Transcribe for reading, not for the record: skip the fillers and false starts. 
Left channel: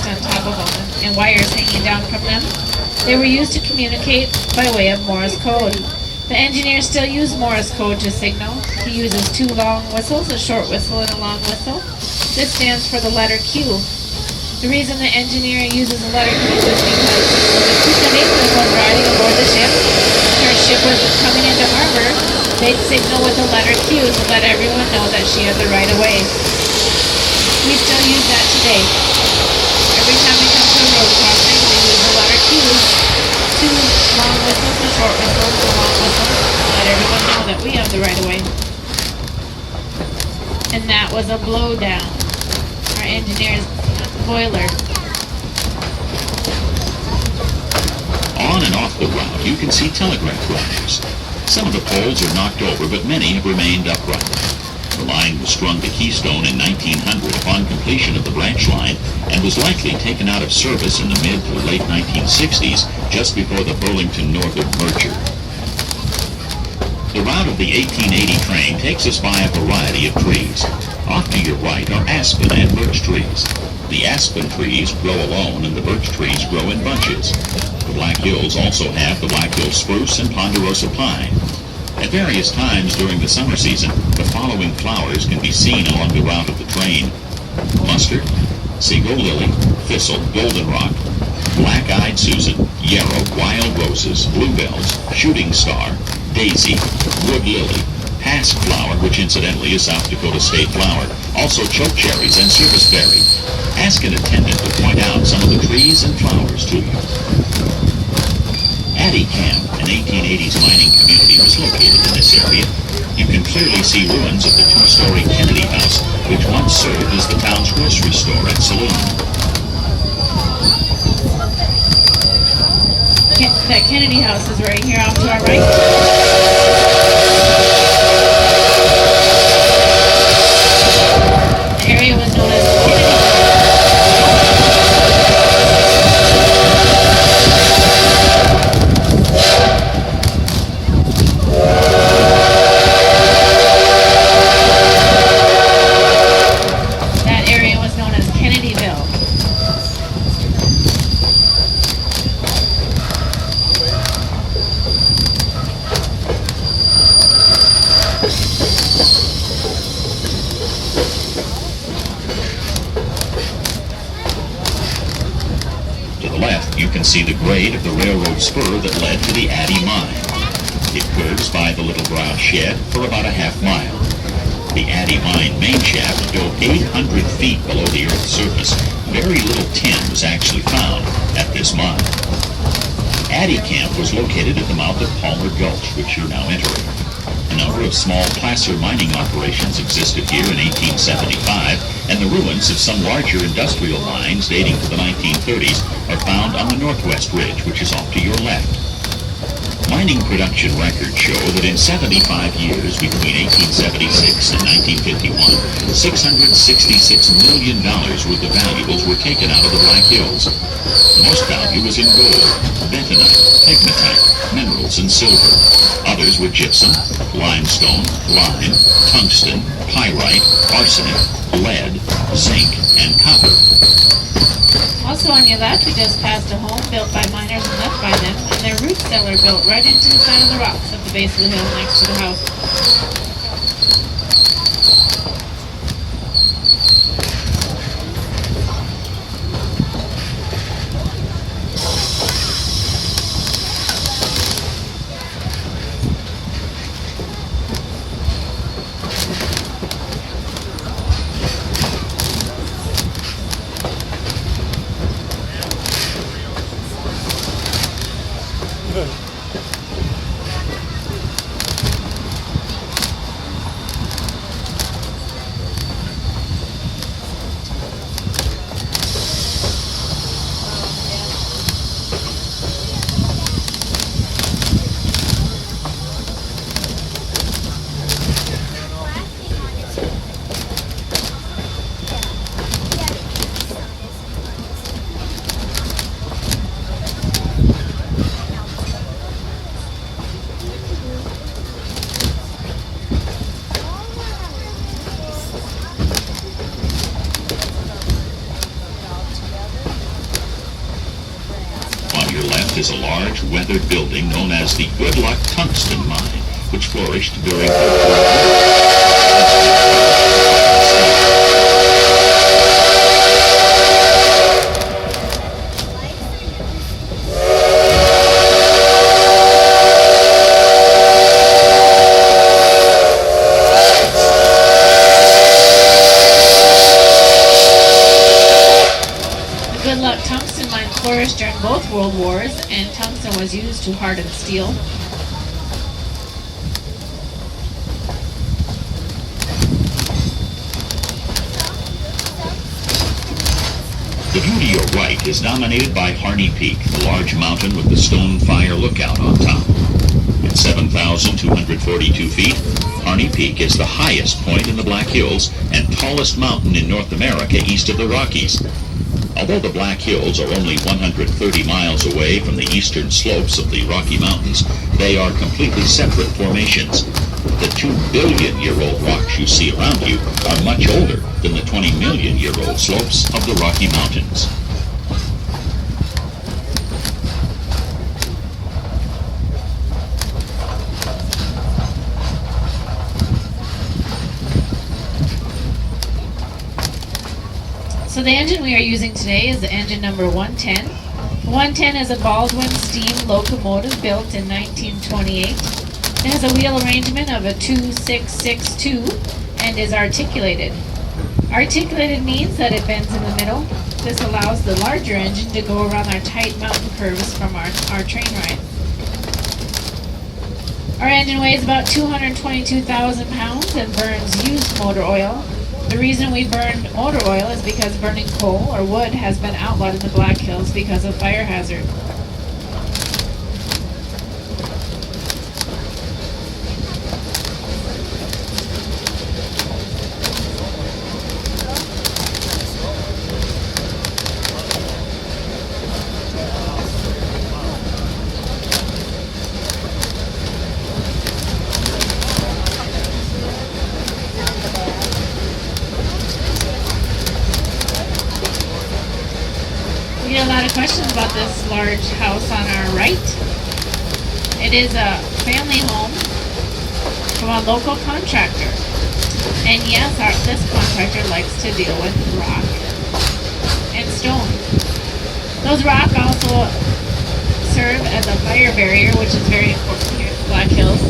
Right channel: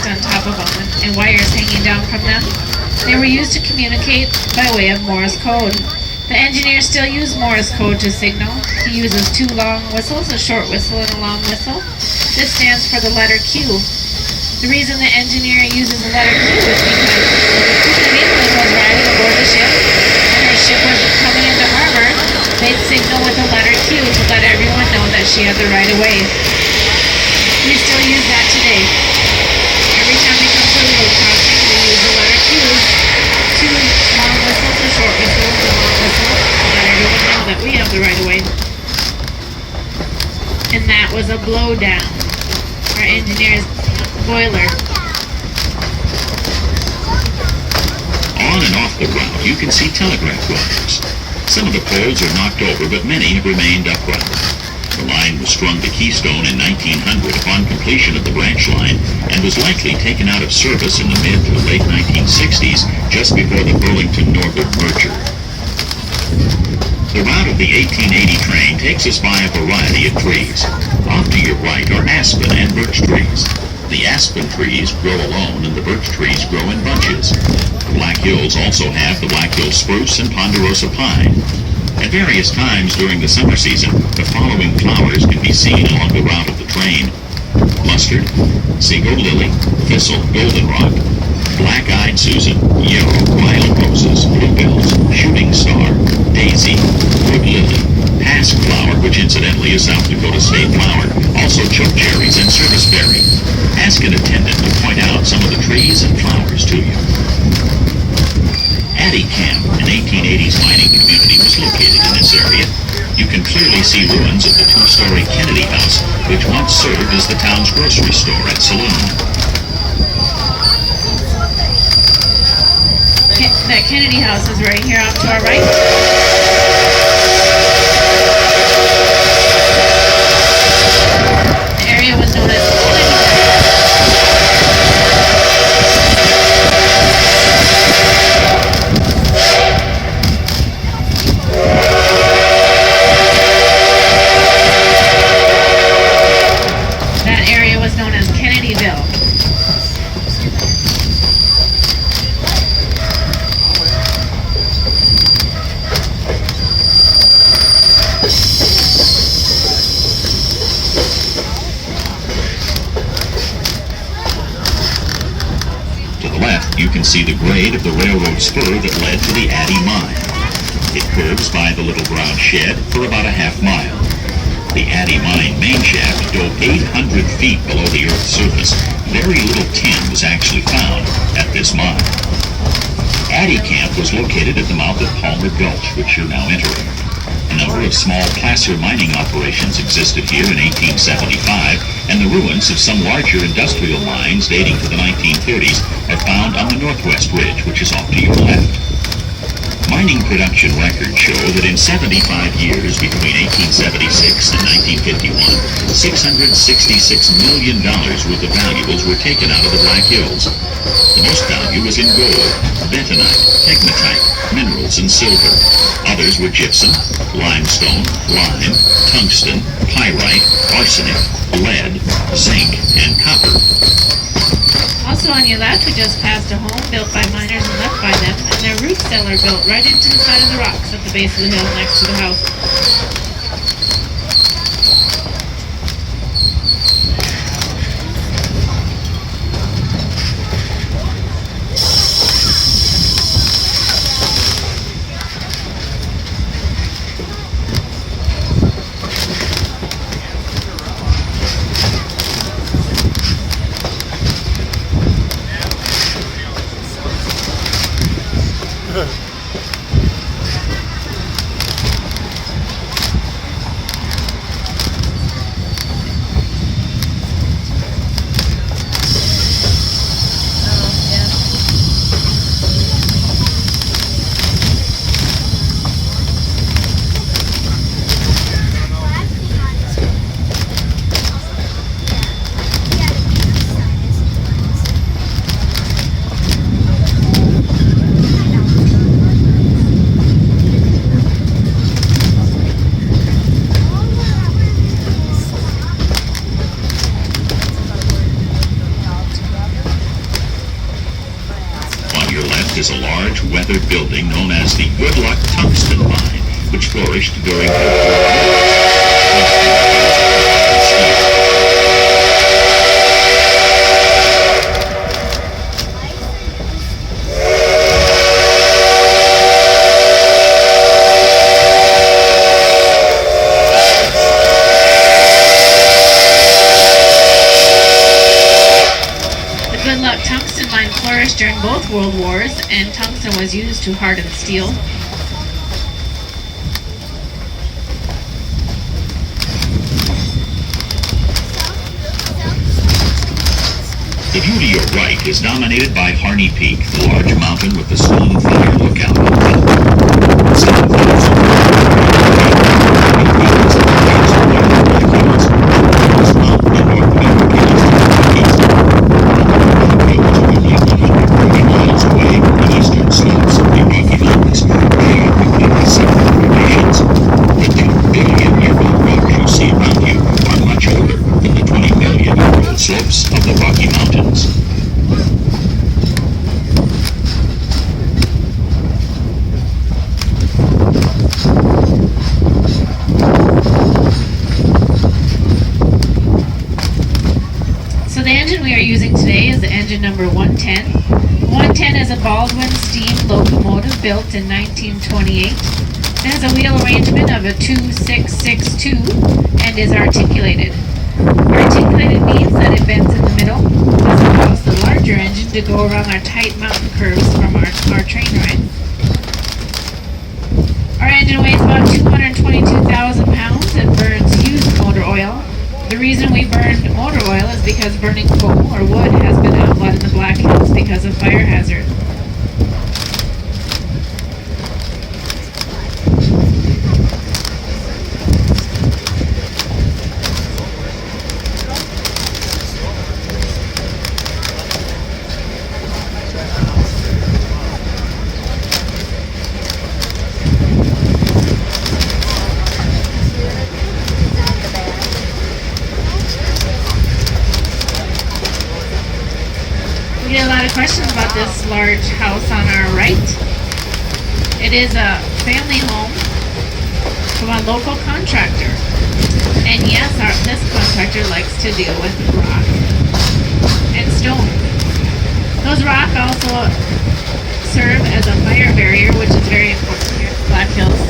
cement on top of them and wires hanging down from them. They were used to communicate by way of Morse code. The engineers still use Morse code to signal. He uses two long whistles, a short whistle and a long whistle. This stands for the letter Q. The reason the engineer uses the letter Q is because if the Coosa was riding aboard the ship and her ship was coming into harbor, they'd signal with the letter Q to let everyone know that she had the right of way. We still use that today. Every time we come to a road crossing, we use the letter Q. Two long whistles, a short whistle, a long whistle, to let everyone know that we have the right of way. And that was a blowdown. Our engineer's boiler. On and off the route, you can see telegraph wires. Some of the poles are knocked over, but many have remained upright. The line was strung to Keystone in 1900 upon completion of the branch line and was likely taken out of service in the mid to late 1960s, just before the Burlington Northern merger. The route of the 1880 train takes us by a variety of trees. Off to your right are aspen and birch trees. The aspen trees grow alone and the birch trees grow in bunches. The Black Hills also have the Black Hill spruce and ponderosa pine. At various times during the summer season, the following flowers can be seen along the route of the train: mustard, Seagull lily, thistle, goldenrod, black-eyed Susan, yarrow, wild roses, bluebells, shooting star, daisy, wood lily, pasque flower, which incidentally is South Dakota state flower, also chokecherries and serviceberry. Ask an attendant to point out some of the trees and flowers to you. Addie Camp, an 1880s mining community, was located in this area. You can clearly see ruins of the two-story Kennedy House, which once served as the town's grocery store and saloon. That Kennedy House is right here off to our right. The area was known as Kennedyville. To the left, you can see the grade of the railroad spur that led to the Addie Mine. It curves by the Little Brown Shed for about a half mile. The Addie Mine main shaft dove 800 feet below the Earth's surface. Very little tin was actually found at this mine. Addie Camp was located at the mouth of Palmer Gulch, which you're now entering. A number of small placer mining operations existed here in 1875, and the ruins of some larger industrial mines dating to the 1930s are found on the northwest ridge, which is off to your left. Mining production records show that in 75 years between 1876 and 1951, $666 million worth of valuables were taken out of the Black Hills. The most value was in gold, bentonite, pegmatite, minerals, and silver. Others were gypsum, limestone, lime, tungsten, pyrite, arsenic, lead, zinc, and copper. Also on your left, we just passed a home built by miners and left by them, and their root cellar built right into the side of the rocks at the base of the hill next to the house. is a large weathered building known as the Good Luck Tungsten Mine, which flourished during World War I. The Good Luck tungsten mine flourished during both world wars, and tungsten was used to harden steel. The view to your right is dominated by Harney Peak, the large mountain with the stone fire lookout on top. At 7,440 feet, Harney Peak is the highest point in the Black Hills and tallest mountain in North America east of the Rockies. Although the Black Hills are only 130 miles away from the eastern slopes of the Rocky Mountains, they are completely separate formations. The 2 billion-year-old rocks you see around you are much older than the 20 million-year-old slopes of the Rocky Mountains. So the engine we are using today is the engine number 110. 110 is a Baldwin steam locomotive built in 1928. It has a wheel arrangement of a 2-6-6-2 and is articulated. Articulated means that it bends in the middle. This allows the larger engine to go around our tight mountain curves from our train ride. Our engine weighs about 222,000 pounds and burns used motor oil. The reason we burned motor oil is because burning coal or wood has been outlawed in the Black Hills because of fire hazard. We get a lot of questions about this large house on our right. It is a family home from a local contractor. And yes, this contractor likes to deal with rock and stone. Those rocks also serve as a fire barrier, which is very important here in the Black Hills.